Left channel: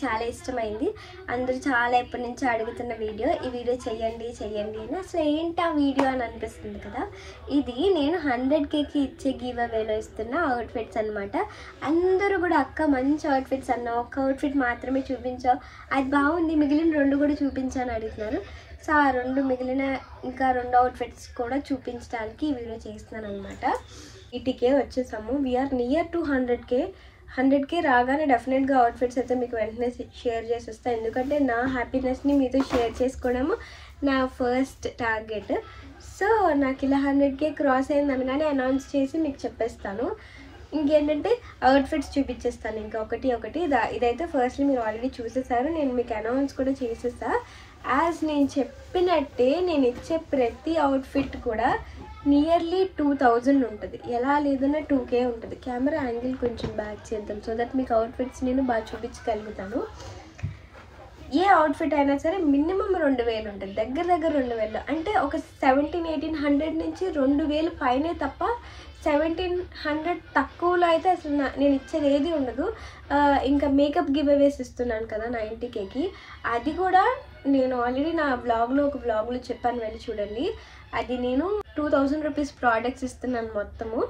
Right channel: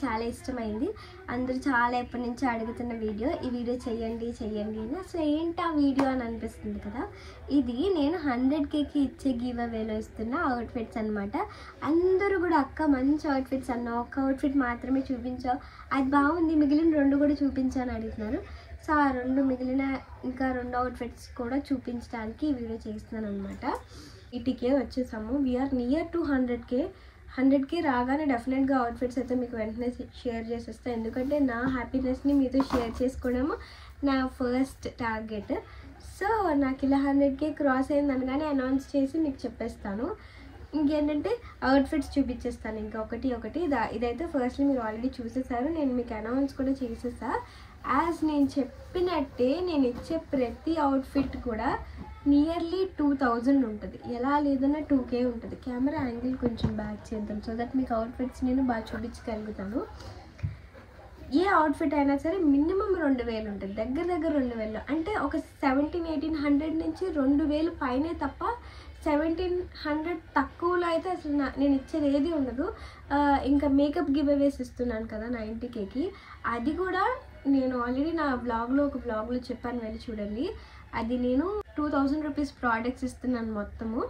చాలా ఇష్టమైంది. అందరూ చాలా ఎప్పటి నుంచో అడుగుతున్న వీడియో. ఈ వీడియో చేయండి అని. అసలు ఏంటి ఆ వీడియో అని అనిపిస్తుంది కదా. ఇది నేను 100Kకి ఇచ్చే గివ్ అవేలో ఇస్తున్న అవుట్ఫిట్స్ అనమాట. అందరూ కూడా అక్క మంచి అవుట్ఫిట్స్ అన్న, ఒక్క అవుట్ఫిట్ మాత్రమే చూపించావు, అది బాగుంది, మిగిలిన 2 కూడా చూపించాను అడుగుతున్నారు. సో ఆ 2 మిగిలిన ఇంకా 2 అవుట్ఫిట్స్ కూడా చూపించడానికి ఈ వీడియో చేస్తున్నాను అనమాట. 80K వచ్చేసాము. వీఆర్ నియర్ టు 100K రాగానే డెఫినెట్గా అవుట్ఫిట్స్ అయితే మీకు వెంటనే షేర్ చేసేస్తాను. ఎందుకంటే నా హ్యాపీనెస్ని మీతో షేర్ చేసుకోవడము నా ఫస్ట్ టార్గెట్. సో నాకు ఇలా 100K క్రాస్ అయింది అనగానే అనౌన్స్ చేసి మీకు చెప్పేస్తాను. ఇంకేంటంటే అవుట్ఫిట్స్ చూపించేస్తాను ఇంకా ఒకటి. ఇదైతే ఫస్ట్లీ మీరు ఆల్రెడీ చూసేసారు, నేను మీకు అనౌన్స్ కూడా చేసేసా. యాజ్ నేను చెప్పినట్టే నేను ఇచ్చే ప్రతి అవుట్ఫిట్ కూడా నియర్లీ 2000 ఉంటుంది. ఎలా లేదన్నా 2K ఉంటుంది. కెమెరా యాంగిల్ కొంచెం బ్యాక్ చేద్దాం సో దట్ మీకు అవుట్ఫిట్స్ నేను బాగా చూపించగలుగుతాను. ఏ అవుట్ఫిట్ అయినా సరే మినిమం 2000 ఉంటుంది, దగ్గర 2000. అంటే ఒక 1700-1800 నుంచి 2000 పైనే తప్ప 1700 తక్కువలో అయితే అసలు నేను ఇచ్చేది ఏది ఉండదు. ఇంకా మేకప్ గివ్ అవేస్ ఇస్తున్నాను కదా 90Kకి, అది కూడా నేను ఆల్రెడీ నా ఒక బ్లాగ్లో చెప్పాను, వెళ్ళి చూడండి. అది నేను 2000 రూపీస్ ప్రోడక్ట్స్ ఇస్తున్నాను మొత్తము,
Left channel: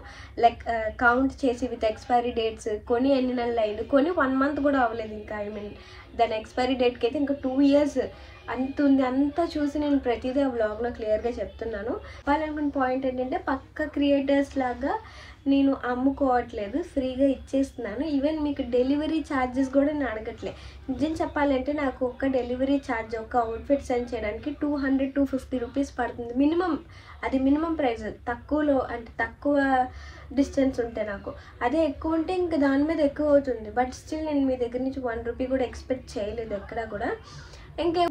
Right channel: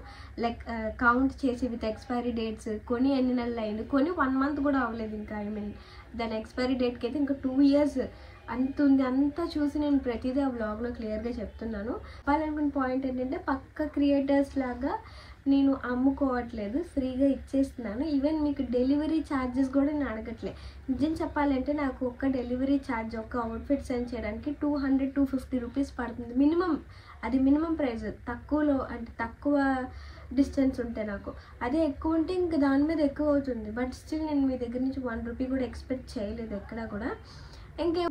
లైక్ కౌంట్ చేసి విత్ ఎక్స్పైరీ డేట్స్. కొని ఎన్ని నెలలు అయింది, కొని 1 మంత్ కూడా అవ్వలేదు ఇంకా. దాని ఎక్స్పైరీ డేట్కి అయితే ఇంకా 2 years అంత ఉంది. అంతా చూసి నేను ప్రతిదీ ఆ బ్లాగ్లో క్లియర్గా చెప్తున్నాను. వాళ్ళనుకున్న పాయింట్ ఏంటంటే పక్క క్రియేటర్స్ లాగా నేను అమ్ముకోవట్లేదు, ఫ్రీగా ఇచ్చేస్తున్నాను. ఈవెన్ మీకు డెలివరీ ఛార్జెస్ కూడా నేను అడగట్లేదు. నిజం చెప్పాలంటే నాకు ఒక్క డెలివరీ ఛార్జ్ ఒక అవుట్ఫిట్ సెండ్ చేయడానికి 200-250 రూపీస్ పడుతుంది మినిమం. అది మినిమం ప్రైస్. తక్కువలో అంటే తక్కువ డిస్టెన్స్ ఉంటే నాకు, అదే ఎక్కువ ఉంటే ఇంకా దాని మీద ఎక్కువ అవుతుంది. బట్ స్టిల్ నేను మీ దగ్గర నుంచి 1 రూపీ కూడా ఎక్స్పెక్ట్ చేయలేదు ఎక్కడా కూడా. ఇంకా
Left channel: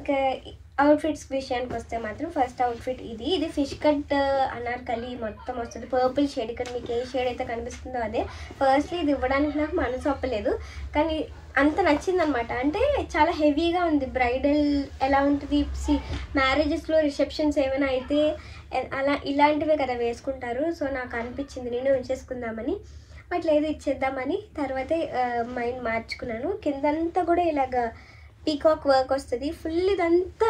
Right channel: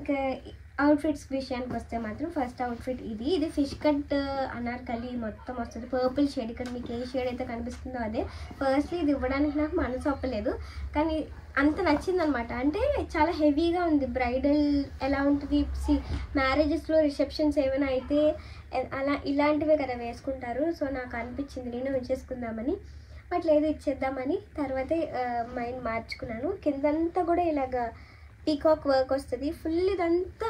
అవుట్ఫిట్స్ విషయానికి వస్తే మాత్రం ఫస్ట్ అవుట్ఫిట్ ఇది ఫిష్ కట్ అనార్కలి మొత్తం వస్తుంది. పర్పుల్ షేడ్, ఇక్కడ మీకు ఏ షేడ్ అయితే కనిపిస్తుందో అదే. ఫస్ట్లీ ఇది ఇవ్వడానికి నాకు మనసు ఒప్పలేదు, కానీ అంత నచ్చిందనమాట. అంటే చాలా హెవీగా ఉంది. బ్రైడల్ ఎలా ఉంటుంది, మ్యారేజెస్లో రిసెప్షన్స్ ఏమైనా అయితే అలా ఇలాంటివే కదా వేసుకుంటారు. సో నాకు అనిపించింది నేను ఉంచేసుకుందామని, బట్ లేదు ఇచ్చేద్దామని. తర్వాత మైండ్ మార్చుకున్నాను. కిందంతా కూడా ఇలాగ పీకాక్ వర్క్ వస్తుంది ఫుల్. ఇదంతా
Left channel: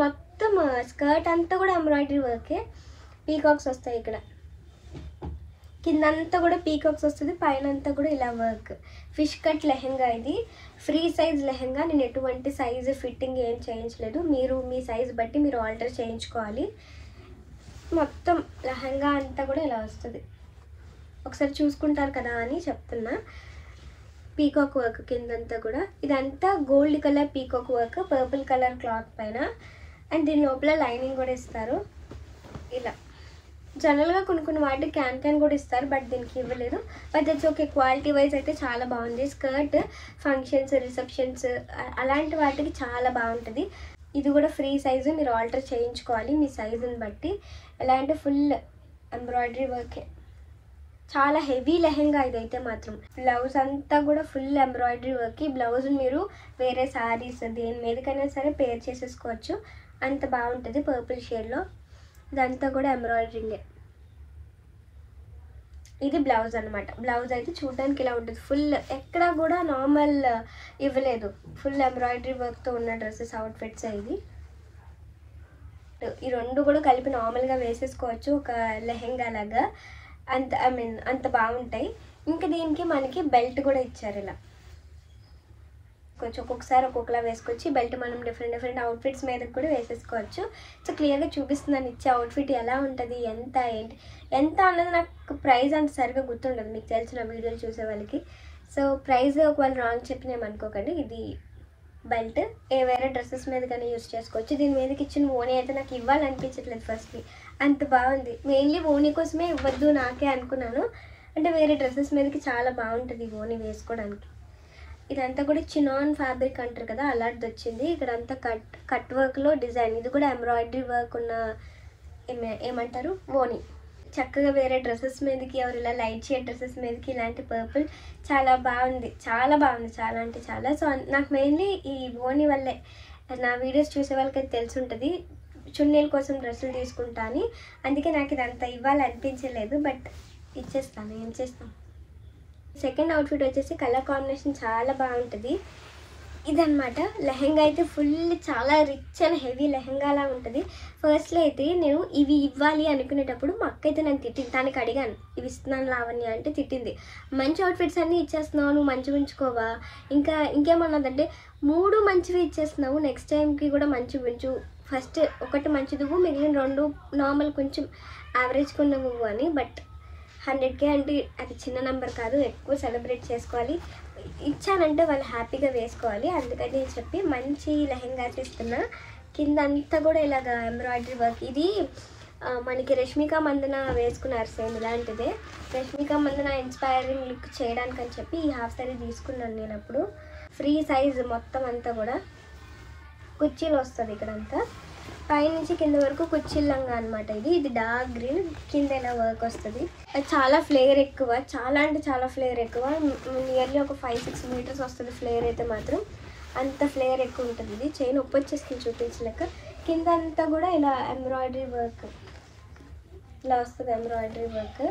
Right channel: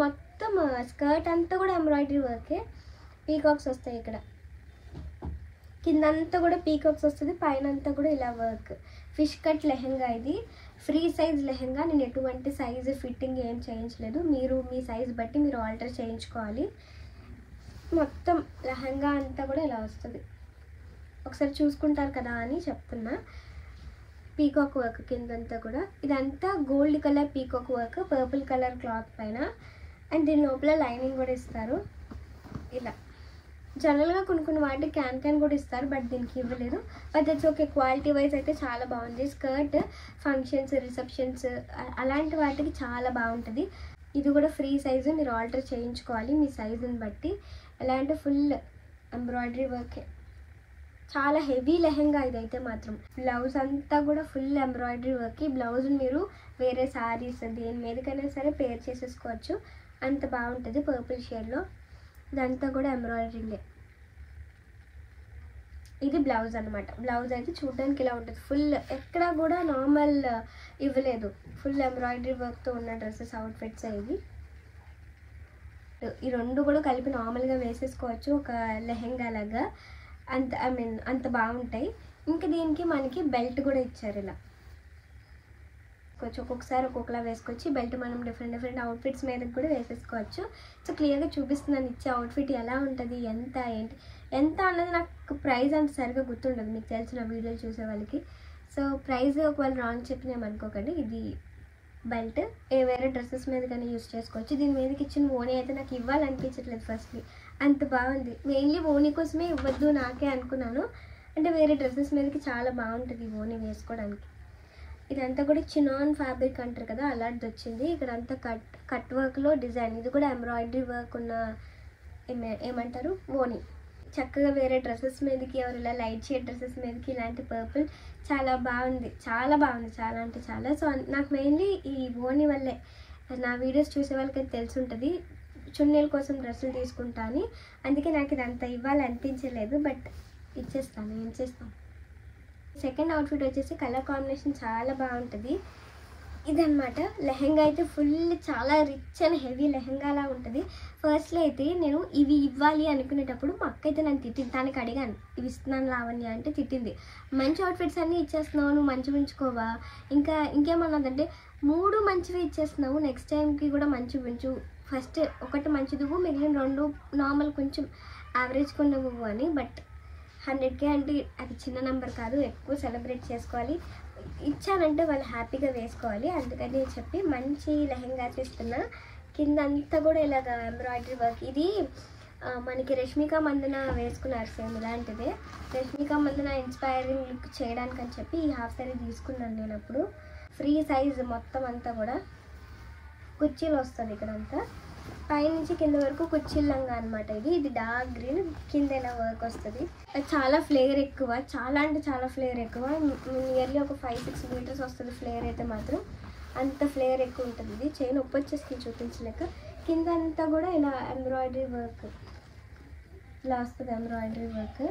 మొత్తం స్కర్ట్ అంతా కూడా ఎంబ్రాయిడరీ వర్కే, పీకాక్స్ వస్తాయి ఇక్కడ. కిందంతా కూడా పీకాక్స్ వస్తుంది, పైన అంతా కూడా ఇలా వర్క్. ఫిష్ కట్ లెహెంగా, ఇది ఫ్రీ సైజ్ లెహెంగా. నేను ఎటువంటి సైజు ఫిట్టింగ్ ఏం చేయించలేదు. మీరు మీ సైజ్ బట్టి మీరు ఆల్టర్ చేయించుకోవాలి. మొత్తం లెహెంగా అంతా కూడా ఇలా వస్తుంది. ఒకసారి చూసుకుంటారు కదా అని చెప్తున్నా. పీకాక్ వర్క్ కిందంతా కూడా. ఇదంతా gold colour peacock work, purple colour cloth పైన. అండ్ దీని లోపల లైనింగ్ కూడా ఇస్తారు ఇలా. జనరల్గా కొన్ని వాటికి క్యాన్ కూడా ఇస్తారు, బట్ దీనికి ఇవ్వలేదు. But that's okay. Quality wise అయితే చాలా బాగుంది. స్కర్ట్ ఫంక్షన్స్, రిసెప్షన్స్ అలాంటి వాటికి చాలా బాగుంటుంది. ఇది కూడా ఫ్రీ సైజు, మీరు ఆల్టర్ చేయించుకోవాలి మీ సైజుని బట్టి. ఎలా అంటే ఫుల్ ఎంబ్రాయిడరీ వర్కే, చాలా హెవీ లెహెంగా ఇదైతే మాత్రం. బ్లౌజ్ అంతా కూడా ఫుల్ ఎంబ్రాయిడరీ వర్క్. ఈ బ్లౌజ్ మీరు వేరే శారీస్ దేని మీదకైనా సరే పేర్ చేసేసుకోవచ్చు, అంత బాగుంటుంది. పర్పుల్ షేడ్లో ఇదంతా కూడా ఎంబ్రాయిడరింగే. ఇది బ్లౌజ్ అనమాట. బ్లౌజ్ అయితే చూడడానికి ఇలా ఉంటుంది. ఫుల్ ఎక్కడా కూడా నార్మల్ ఇవ్వలేదు, ఫుల్ ఎంబ్రాయిడరీ వర్క్తో ఉన్న డ్రెస్సెస్ అవుట్ఫిట్స్ ఇవి. ఈ 2 కూడా కలిపి నార్మల్గా వేసేసుకోవచ్చు ఒక లెహెంగా లాగా. అంత బాగుంటాయి. ఇంకా దీనికి మనకి బెల్ట్ కూడా ఇచ్చారు ఇలా. కొంచెం ఒక్కొక్కసారి ఒక్కొక్కలా వేసుకోవచ్చు. బెల్ట్ మనం డిఫరెంట్ అవుట్ఫిట్స్ మీద కూడా వేసేసుకోవచ్చు. సో క్లియర్గా చూపిస్తున్నాను ఇచ్చే అవుట్ఫిట్ ఎలా ఉంటుంది, ఎంత అన్నది. నాకు ప్రైస్ అంత సరిగ్గా గుర్తుండదు, మీకు తెలిసిన వీడియోలు చూసే వాళ్ళకి. సో ప్రైస్ ఒకవేళ రాంగ్ చెప్పినేమనుకోకండి. ఇది బెల్ట్ వేరే డ్రెస్సెస్ మీద కానీ యూజ్ చేసుకోవచ్చు. దీని మీదకి ఇచ్చిన ఓనీ అయితే నాకు ఇవ్వాలనిపించట్లేదు ఫస్ట్లీ, అంత బాగుంది. మెయిన్లీ ఓనీ కోసమే ఇవ్వద్దు నాకే అనుకున్నాను, అంటే వేరే డ్రెస్సెస్ మీదకి చాలా బాగుంటుంది ఓనీ వేసుకోవడానికి. ఇదంతా కూడా చినాన్ ఫ్యాబ్రిక్ అంటారు కదా, అలాంటిది వచ్చింది. ఇక్కడ అంతా కట్ వర్క్లో డిజైన్. ఇది కూడా ఎంబ్రాయిడరీ వర్క్ ఉన్న ఏమంటారు ఓనీ. చక్కగా వేరే డ్రెస్సెస్ మీదకి, ఎవరు ఇలా లైట్ షేడ్ డ్రెస్సెస్ మీదకి ఇలాంటి పర్పుల్ చాలా బాగుంది. చాలా అంటే చాలా. సో నాకు మెయిన్లీ ఈ ఓనీ వల్లే, నా వీడియోస్ చూసే వాళ్ళకి తెలిసి ఉంటుంది, చున్నీల కోసం డ్రెస్సులు తీసుకుంటా అని. అందుకే నాకు ఇదంతా ఇవ్వాలనిపించలేదు, బట్ ఇచ్చేస్తాను, ఏం చేస్తాం. సెకండ్ అవుట్ఫిట్ వచ్చేసి కలర్ కాంబినేషన్ చాలా బాగుంటుంది. ఇదనమాట లెహెంగా అయితే ఫుల్ చాలా రిచ్ అండ్ హెవీ లెహెంగాలా ఉంటుంది. ఫస్ట్లో అయితే నేను ఇవి ఇవ్వాలి అనుకునేటప్పుడు మా అక్క అయితే నాకు తిట్టింది. తనకి అడిగాను ఇవి ఇస్తున్నాను లావణ్య అంటే తిట్టింది. మంచి అవుట్ఫిట్స్ అన్నీ ఇచ్చేస్తున్నావు, నువ్వు మంచిగా ఉంచుకోవా, ఇంకేమన్నదంటే 3 మంచివి ఇచ్చేస్తున్నావు, నెక్స్ట్ టైంకి కూడా మంచిగా ఉంచు, ఫస్ట్ ఒకటి మంచిది మిగిలిన 2 నార్మల్ కొంచెం యావరేజ్ కొన్నవు అని. బట్ 100K అంటే అది చిన్న నెంబర్ కాదు, ఎక్కువ సెలబ్రేట్ చేసుకోవాలి. ఇచ్చానంటే వాళ్ళు హ్యాపీగా వేసుకోవాలి. అందుకని చెప్పి మంచి లెహెంగాస్ ఇస్తున్నా. కింద అంతా కూడా ఇలాగ ఎంబ్రాయిడరీ వర్క్. ఇది మనకి రష్మిక మందన వేసుకున్నారు సేమ్ ఇలాంటిదే. రష్మిక మందన ఇన్స్పైరింగ్ లుక్ చేయడానికి అని చెప్పి ఈ హాఫ్ సారీ తీసుకున్నాను నేను. అప్పుడు ఫ్రీ సైజ్ మొత్తం అంతా కూడా కుర్చీలు వస్తుంది ఇక్కడంతా, పైనుంచి కింద వరకు కుర్చీలంగా అనమాట. ఇది డార్క్ గ్రీన్, కింద ఇలా వర్క్ వస్తుంది. అది చాలా ఫ్లేర్ ఎక్కువ, చాలా అంటే చాలా ఫ్లేర్ ఎక్కువ. నియర్లీ ఒక 5-6 మీటర్స్ వస్తుంది ఫ్లేర్ అయితే మాత్రం, అంత ఫ్లేర్ ఎక్కువ ఉంటుంది. ఇది చైన్ ఉప్పు వచ్చేసింది చూపించలేక. కింద అంతా కూడా ఇలా ఎంబ్రాయిడరీ వర్క్ ఇలా వస్తుంది, ఎంబ్రాయిడరీ వర్క్.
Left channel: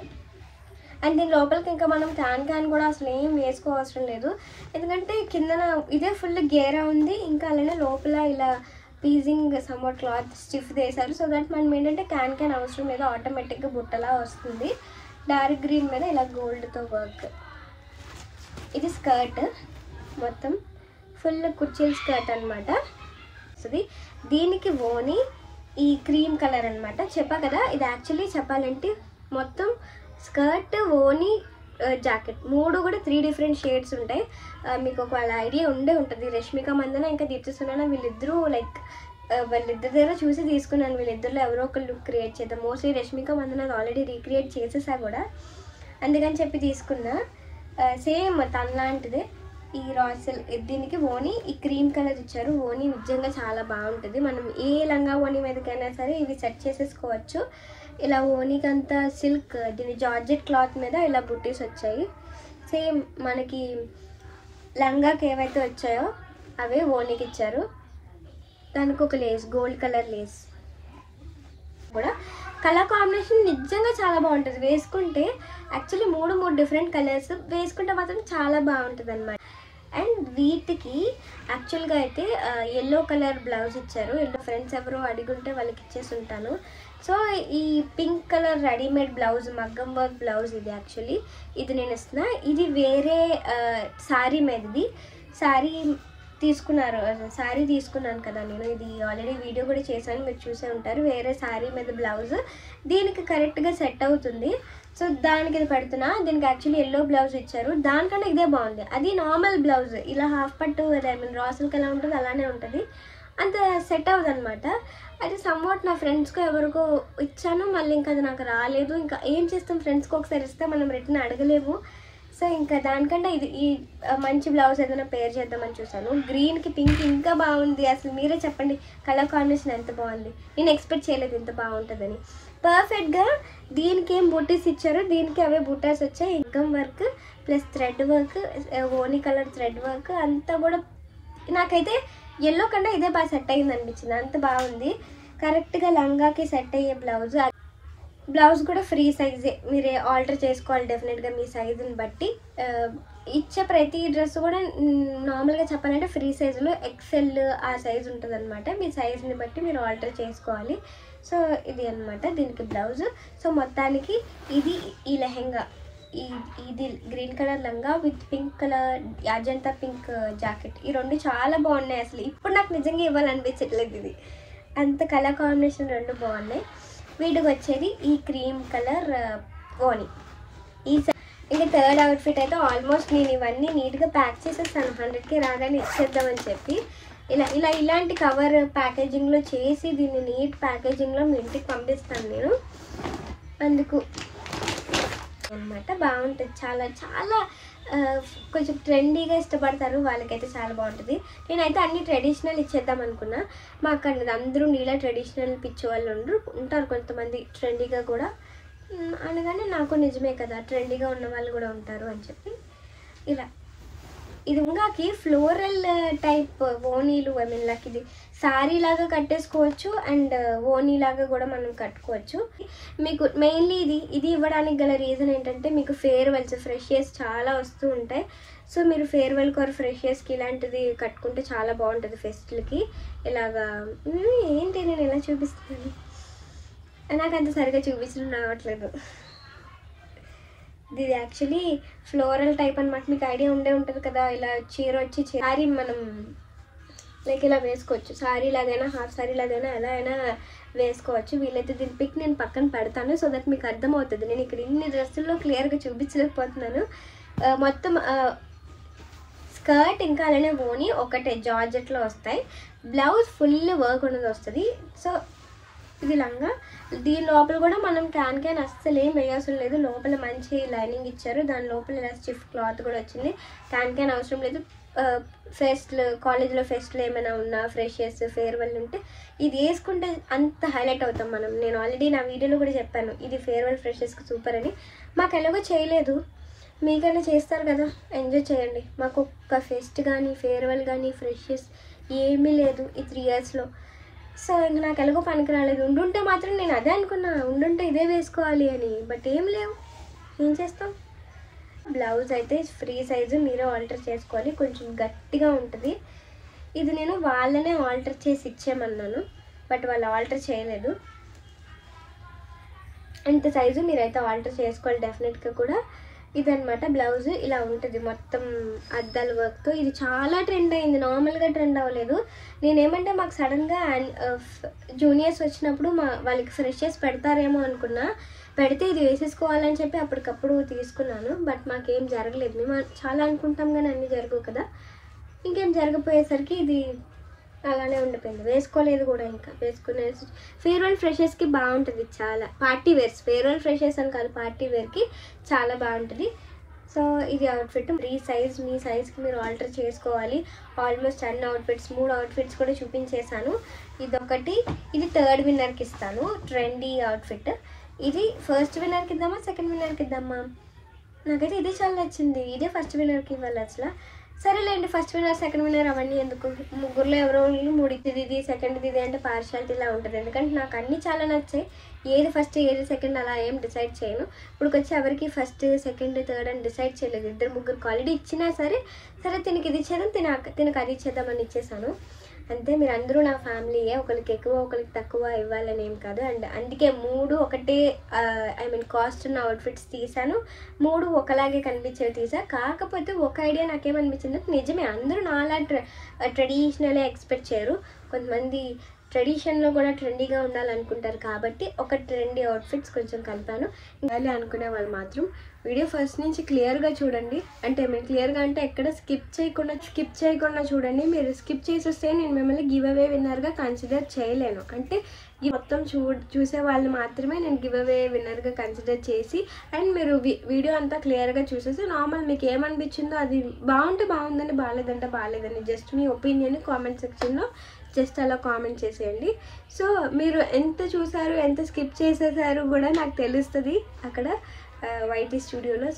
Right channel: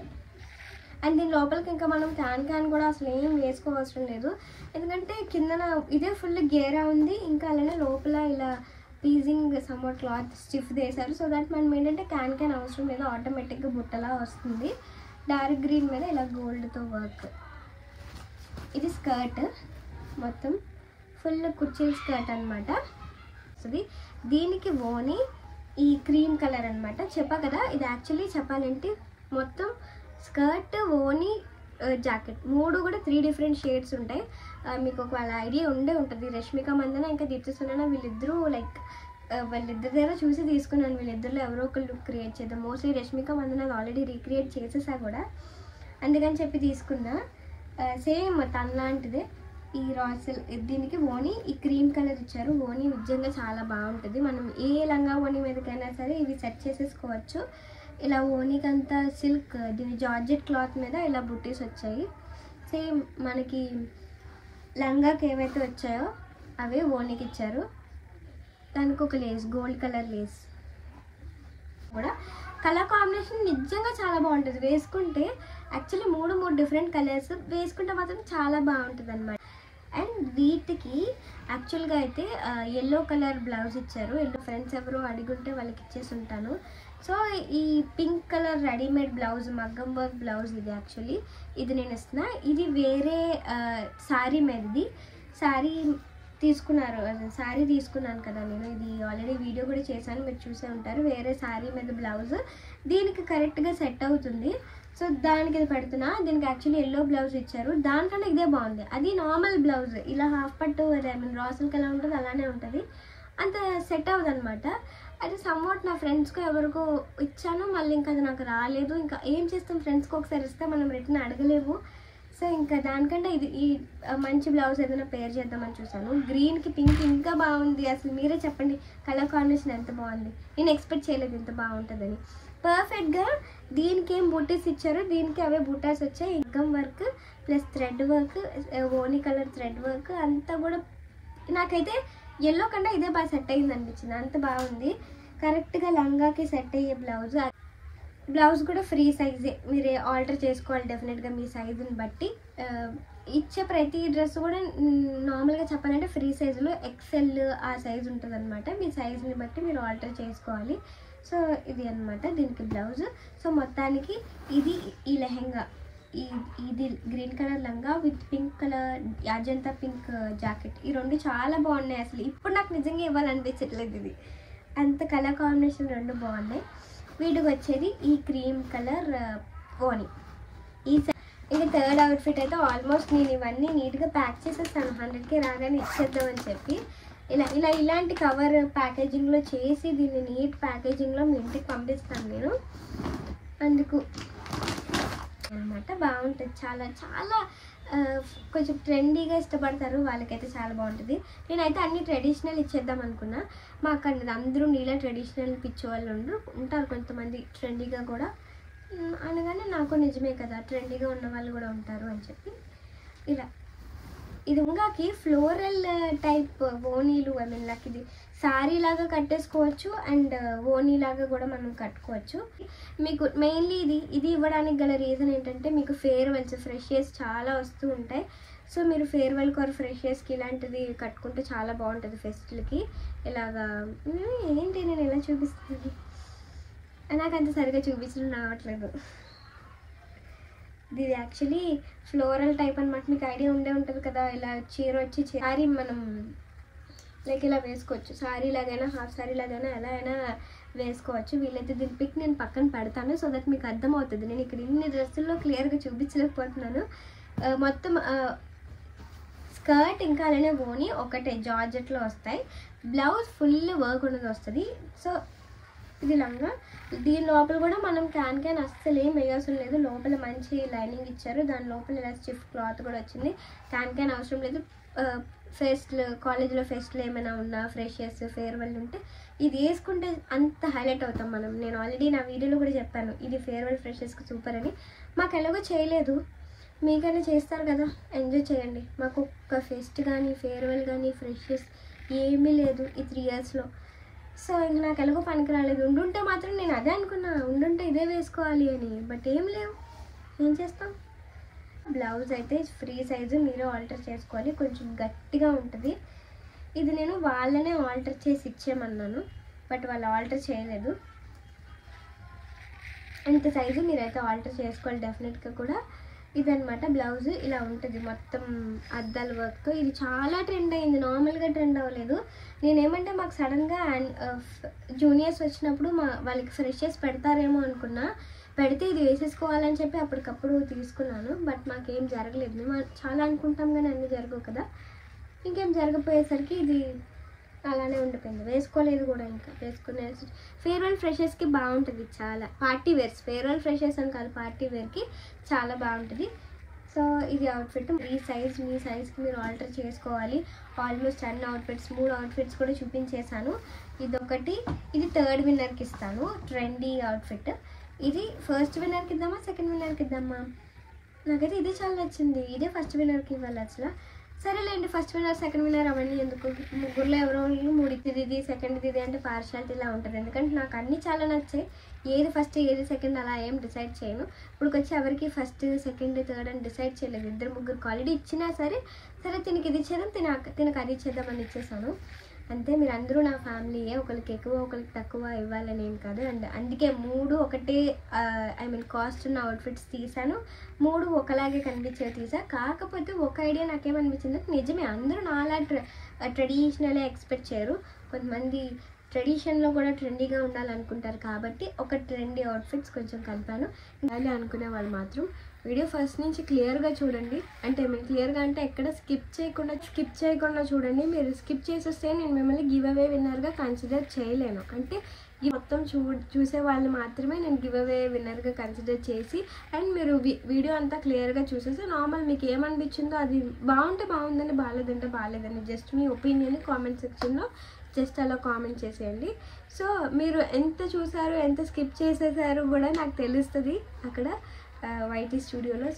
అండ్ దీని లోపలికి ఇంకా మనం క్యాన్ కూడా అసలు ఏం వేసుకోవసరం లేదు, ఎందుకంటే కిందన ఇదే ఫుల్ గేరా ఉంది. ఇంకా అలానే లోపల ఇలా పీజింగ్ సమ్వాట్ క్లాత్ స్టిఫ్ వేశారు. సో దట్ మనం ఏంటంటే క్యాన్ అవసరం లేదు, ఆటోమేటిక్గా బుట్టలా వస్తుంది. డార్క్ గ్రీన్ మీద ఇలా గోల్డ్తో వర్క్. ఇది స్కర్ట్, మొత్తం ఫుల్ కుర్చీల స్కర్ట్ అనమాట. దీనికి ఓని ఈ క్రీమ్ కలర్ అనమాట. చెప్పా కదా, ఇది యాక్చువల్లీ చెప్పాలంటే మొత్తం స్కర్ట్, ఓని, జాకెట్ 3 కూడా 3 డిఫరెంట్ షేడ్స్ ఉంటాయి. మీకు ఒకవేళ ఐడియా ఉంటుంది. రష్మిక మందన ఇంకా దీప్తి సునైనా వీళ్ళిద్దరూ లైక్ వాళ్ళిద్దరి దగ్గర చూసి తీసుకున్నాను. వీళ్ళిద్దరిలో ఎవరో ఒక లుక్ క్రియేట్ చేద్దాం. Mostly Rashmika Mandanna already recreate చేసేసా కూడా, అందుకని చెప్పి తీసుకున్నా. సేమ్ తనలాంటిదే ఈ రాసల్. దీనికి ఓని ఈ క్రీమ్ కలర్ ఇచ్చారు. ఓని నిజంగా చాలా బాగుంటుంది. మనం ఏ లంగా ఓని మీదకైనా సరే ఇవి సెట్ చేసేసుకోవచ్చు. ఇలా ఓనీకంతా సిల్క్, దీని జార్జెట్ క్లాత్ మీద ఇలా బుట్టీస్ వచ్చాయి. సేమ్ మనకి లంగాకి ఏవైతే వచ్చాయో అవే ఓనీకి ఇచ్చారు. దానికి ఒక లేస్, గోల్డ్ కలర్ లేస్ కూడా. కలర్ కాంబినేషన్ నిజంగా చాలా బాగుంటుంది వేసుకుంటే. యాక్చువల్లీ 3 డిఫరెంట్ కలర్స్ వేసుకుంటే మాత్రం చాలా బాగుంటుంది అనమాట. అండ్ వీటికి యాక్చువల్గా అయితే ఎల్లో కలర్ బ్లౌజ్ ఇచ్చారు. ఎల్లో ఫ్రెండ్స్ ఎవరో అడిగుంటే వాళ్ళకి ఇచ్చేసి ఉంటాను. సో ఈ పింక్ కలర్ రెడీమేడ్ బ్లౌజ్, మగ్గం వర్క్ బ్లౌజ్ ఇది యాక్చువల్లీ ఇది నేను ఇస్తున్నా. ఇది వేరే శారీ మీదది. శారీ తీసుకున్నాను కదా నేను, ఇది ఆల్రెడీ వీడియో కూడా చేశాను, మీరు చూసే ఉంటారు. వేరే శారీ మీద బ్లౌజ్ దీనికి కరెక్ట్గా సెట్ అవుతుంది. సో దానికి ఇది పెడుతున్నా. దీనికి యాక్చువల్లీ ఎల్లో బ్లౌజ్ ఇచ్చారు, దానికన్నా ఇదే బాగుంది. అది నార్మల్ బ్లౌజ్, ఇలా హాఫ్ పట్టు రాసులకి ఎలా ఉంటుంది అలానే ఉంటుంది, అంత సెట్ అవ్వదు అనమాట. అది సమ్వాట్ నా ఫ్రెండ్స్కి ఎవరికో ఇచ్చాను, మళ్ళీ ఇంకా అది నాకు రాలేదు. ఇంకా ఏం చేస్తాం, ఫ్రెండ్స్కి ఒకసారి ఇస్తే మనం రిటర్న్ అడగలేము. సో ఇంకా దానికంటే ఈ మంచి బ్లౌజ్ ఏదైనా పేర్ చేద్దామని చూసాను. గ్రీన్కి పింక్ ఇంకా బాగుంది. అసలు మీరే చెప్పండి కలర్ కాంబినేషన్ ఎంత బాగుంది. నేను ఎక్స్పెక్ట్ చేయలేదు ఇంత బాగుంటుందని. పర్ఫెక్ట్గా దీనికి ఏం బుట్టీస్ ఇచ్చారో దీనికి అవే బుట్టాస్ వచ్చాయి. ఇన్కమ్ వర్క్ ప్లస్ థ్రెడ్ వర్క్, ఓనీ కలర్ థ్రెడ్ వర్క్ అంతా కూడా నాకైతే ఎల్లో కంటే ఇదే బాగా సెట్ అయ్యింది అనిపించింది. అంత బాగుంది. కరెక్ట్గా లంగాకి సెట్ అయ్యే బ్లౌజ్ కూడా ఫ్రీ సైజే, మీరు ఆల్టర్ చేసుకోవాలి డెఫినెట్గా మీ సైజుని బట్టి. ఇచ్చే ప్రతి డ్రెస్ కూడా నార్మల్గా చెప్పాలంటే ఫ్రీ సైజులో ఎక్సెల్ ఆ సైజు ఉంటుంది అనమాట. మీ సైజుని బట్టి మీరు ఆల్టర్ చేసుకోవాలి. సో ఇది అనమాట దీనికి బ్లౌజ్. సో మొత్తానికి ఇది ఈ లెహెంగా, ఇది గ్రీన్ కలర్ లంగా with pink colour Ajanta pink jacket, ఈ 2 చాలా బాగున్నాయి. అసలు ఇప్పుడు నాకు నిజంగా ఇవ్వాలనిపించట్లేదు. ఇది అంత కలర్ కాంబినేషన్ 2 బాగున్నాయి. వీటికి వచ్చేది ఈ క్రీమ్ కలర్ ఓని. ఇంకా థర్డ్ అవుట్ఫిట్ అయితే ఆల్మోస్ట్ నేను ఇవన్నీ నీట్గా ప్యాక్ చేసేస్తాను 100K రాగానే ఇచ్చేద్దామని చెప్పి. ఇలాంటి కవర్ ప్యాకేజింగ్లో చేసి దీన్ని నీట్ ప్యాకేజింగ్లో మీ ఇంటికి పంపిస్తాను నేను. అందుకు అనమాట బాగుంటుంది. చాలా చాలా కొంచెం ట్రెండీగా ఇష్టపడతారు వాళ్ళకైతే చాలా బాగుంటుంది. నేనైతే అన్ని ట్రెడిషనల్ ఇచ్చేద్దాం అనుకున్నా. మాకు అందరూ నీలా ట్రెడిషనల్ పిచ్చి వాళ్ళు ఉంటారు కొంతమంది, ట్రెండీగా కూడా అనగానే నాకు నిజమే కదా ట్రెండీగా ఉన్న వాళ్ళు కూడా ఉంటారు అని చెప్పి ఇలా ఇది ఉంగాకి ఫ్లోరల్ టైప్ ఓనీలు, ఐ మీన్ లైక్ ఇది శారీ లాగా కట్టేసుకోవచ్చు అండ్ ఓనీ లాగా కూడా మనం కట్టుకోవచ్చు. మీకు మెయిన్లీ ఇది ఇవ్వడానికి గల రీజన్ ఏంటంటే మీకు ఫేర్వెల్స్, ఫ్రెషర్స్ చాలా వస్తూ ఉంటాయి. సో మీరు ఫేర్వెల్కి ఆర్ ఫ్రెషర్స్కి ఇలాంటిది కట్టుకుంటే చాలా బాగుంటుంది ఫెస్ట్లకి. ఇలాగా ఏంటి నేను ఎలా చూపిస్తున్నాను, నాకు అంత సరిగా చూపించడం రావట్లేదు. ఇది యాక్చువల్లీ ఫ్లోరల్ టైప్ అనమాట. మీకు ఐడియా ఉండే ఉంటుంది కదా, ఇలా చీర వచ్చి శారీ మనం లైక్ ఇలా వేసుకోవచ్చు. శారీ లాగైనా హాఫ్ శారీ లాగైనా ఎలా అయినా వేసుకోవచ్చు. వీళ్ళైతే దీని పిక్ నేను పక్కన పెడతాను సో దట్ మీకు అర్థమవుతుంది. నేను ఇక్కడ ఇన్ని డ్రెస్సుల్లో క్లియర్గా చూపించలేకపోతున్నాను. మొత్తం స్కర్ట్ ఇంకా అలానే ఓని ఒకటే జార్జెట్లో వస్తాయి. బ్లౌజ్ ఫుల్ వర్క్ ఉన్నది వస్తుంది. సో ఇది లంగా. దీని లోపల కూడా మనం క్యాన్ అస్సలు ఏం వేయాల్సిన లేదు. లోపల మంచి లైనింగ్ ఇచ్చారు. దాని లోపల ఇలా స్టిఫ్ క్లాత్ కూడా వచ్చింది. క్యాన్ అవసరం లేదు. ఫెస్ట్లు, కాలేజ్లో ఫెస్ట్లు ఏమైనా ఉన్నా, ఫ్రెషర్స్, ఫేర్వెల్ ఉంటే ఇది వేసుకుంటే అంత హైలైట్ అవుతాం మనం. నేను ఆల్రెడీ నా వీడియోలో కూడా చెప్పాను ఇది ఫేర్వెల్ ఫ్రెషర్స్కి సూపర్ అని. మాకు ఎలాగో చేయలేదు, మీకైనా చేస్తారు కదా, ఎంజాయ్ చేయండి. మాకు ఒక్క ఫెస్ట్ కానీ ఫేర్వెల్ కానీ ఫ్రెషర్స్ ఏమీ లేదు ఈ 3 yearsలో. సో ఇంక నాకు ఎలాగో పనికి రాలేదు. ఉండుంటే మాత్రం నేను అదే అనుకున్నా, ఉండుంటే ఇదే వేసుకోవాలి అని. బట్ ఏం లేవు, ఏం చేస్తాం. బ్లౌజ్ అయితే ఫ్రీ సైజు, మీరే ఆల్టర్ చేసుకోవాలి. కొంచెం గట్టిగా ఉంటుంది. ఇది నేను వాళ్ళనే ఆల్టర్ చేసి ఇచ్చేయమన్నాను, బట్ వాళ్ళు ఆల్టర్ చేయలేదు. ఇంత సైజు మీరైతే ఆల్టర్ చేసుకోవాలి డెఫినెట్గా కూడా. ఇదనమాట బ్లౌజ్, ఇలా ఉంటుంది మొత్తం అద్దాల వర్క్తో. ఇది చాలా ట్రెండ్ అయింది, నార్మల్గా ట్రెండ్ అవ్వలేదు. నేనేమంటే మాకు సడన్గా జూనియర్స్ వచ్చినప్పుడు వాళ్ళకి ఫ్రెషర్స్ పెడతారేమో అనుకున్నా. పెడితే ఇది వేసేసుకోవాలని చెప్పి అప్పటికప్పుడు తీసుకున్నాను. బట్ మాకేం జరగలేదు. మేము చాలా అనుకుంటాం కానీ అన్నీ జరగవు కదా. ఇంకేం జరగపోయేసరికి ఇది అలానే ఉండిపోయింది. వేసుకోలేదు కూడా. ఇంకా వేసుకునే ఫేర్వెల్ ఫ్రెషర్స్కి బాగుంటుంది చాలా. పార్టీ వేర్స్, ఫేర్వెల్ ఫ్రెషర్స్ అని కాదు, పార్టీ వేర్కి చాలా బాగుంటుంది. సో ఇది అవుట్ఫిట్. ఈ సైజ్ మీ సైజ్కి మీరు ఆల్టర్ చేసుకోవాలి. ఆల్మోస్ట్ అన్ని అవుట్ఫిట్స్, 3 అవుట్ఫిట్స్ కూడా చూపించేశాను. ఇదొకటి, ఇది 3rd విన్నర్కి ఇస్తాను. Trendy outfit. ఇది ఫస్ట్ విన్నర్కి ఇద్దామా, సెకండ్ విన్నర్కి ఇద్దామా? నాకైతే ఇదే చాలా నచ్చింది. ఇదే ఫస్ట్ విన్నర్కి ఇవ్వాలి అసలు. సరేలేండి, ఫస్ట్ విన్నర్ సెకండ్ విన్నర్ అవన్నీ ఎందుకు, ముగ్గురులో ఎవరో 3 ఇది సెకండ్ ఇది అంటే పార్షాలిటీ ఇలా ఉంటుంది. ఎందుకంటే నాకు అన్నీ చాలా నచ్చాయి. ఏది ఫస్ట్ ఏది సెకండ్ అలా ఏం డిసైడ్ చేయను. ఇప్పుడు వచ్చి ఎవరికి ఫస్ట్ సెకండ్ థర్డ్ అని డిసైడ్ చేయలేదు. 2-3 ఆల్రెడీ ఇచ్చినా సరే తినకి ఇది ఇచ్చేద్దాం, తినకు అది ఇచ్చేద్దామని ఇచ్చేసాను అంతే. మీరు అందరూ నా ఫ్యామిలీయే, ఒకరికి ఎక్కువ ఒకరికి తక్కువ ఇవ్వాలని ఏం కాదు. అండ్ అందుకే 3 ఒకటే ఐ మీన్ కాస్ట్ ఉన్న అవుట్ఫిట్స్ తీసాను. 3 ఒకలాగే కనిపించేవి తీసా. కాకపోతే ఒక ఐడియా నాకేమనిపించింది, నిజమే అందరూ నాలా ట్రెడిషనలే ఎక్స్పెక్ట్ చేయరు. కొంతమంది ట్రెడిషన్లో కూడా ట్రెండీగా ఉండాలనుకుంటారు. కాబట్టి ఒక ట్రెండీ అవుట్ఫిట్స్ కొంచెం కలిపాను. ఇంకా అనుకునే వాళ్ళు మాత్రం వీడియో ఫస్ట్ నుంచి క్లియర్గా చూడండి. అంటే మేము క్లియర్గా అంటే ఎక్కడ స్కిప్ చేయకుండా చూడండి. మీరు స్కిప్ చేసేస్తే నేను మిమ్మల్ని గివ్ అవే విన్నర్గా కన్సిడర్ చేయలేను. అంటే ఈ మొత్తం చూసే వాళ్ళు మాత్రమే నేను గివ్ అవే విన్నర్గా కన్సిడర్ చేసి, అండ్ మీరు వీడియో అంతా క్లియర్గా చూసేసి నార్మల్ మీకు ఏమనిపించిందో అది బాగుంటే బాగుందని, బాగాలేదంటే బాగాలేదని జస్ట్ మీ ఒపీనియన్ని కామెంట్ సెక్షన్లో జస్ట్ అలా కామెంట్ చేసేయండి. సో మీరు ఎంత చూసారు, ఎంత స్కిప్ చేసేసారు కూడా నాకు తెలుస్తుంది అక్కడ వైటీ స్టూడియోలో.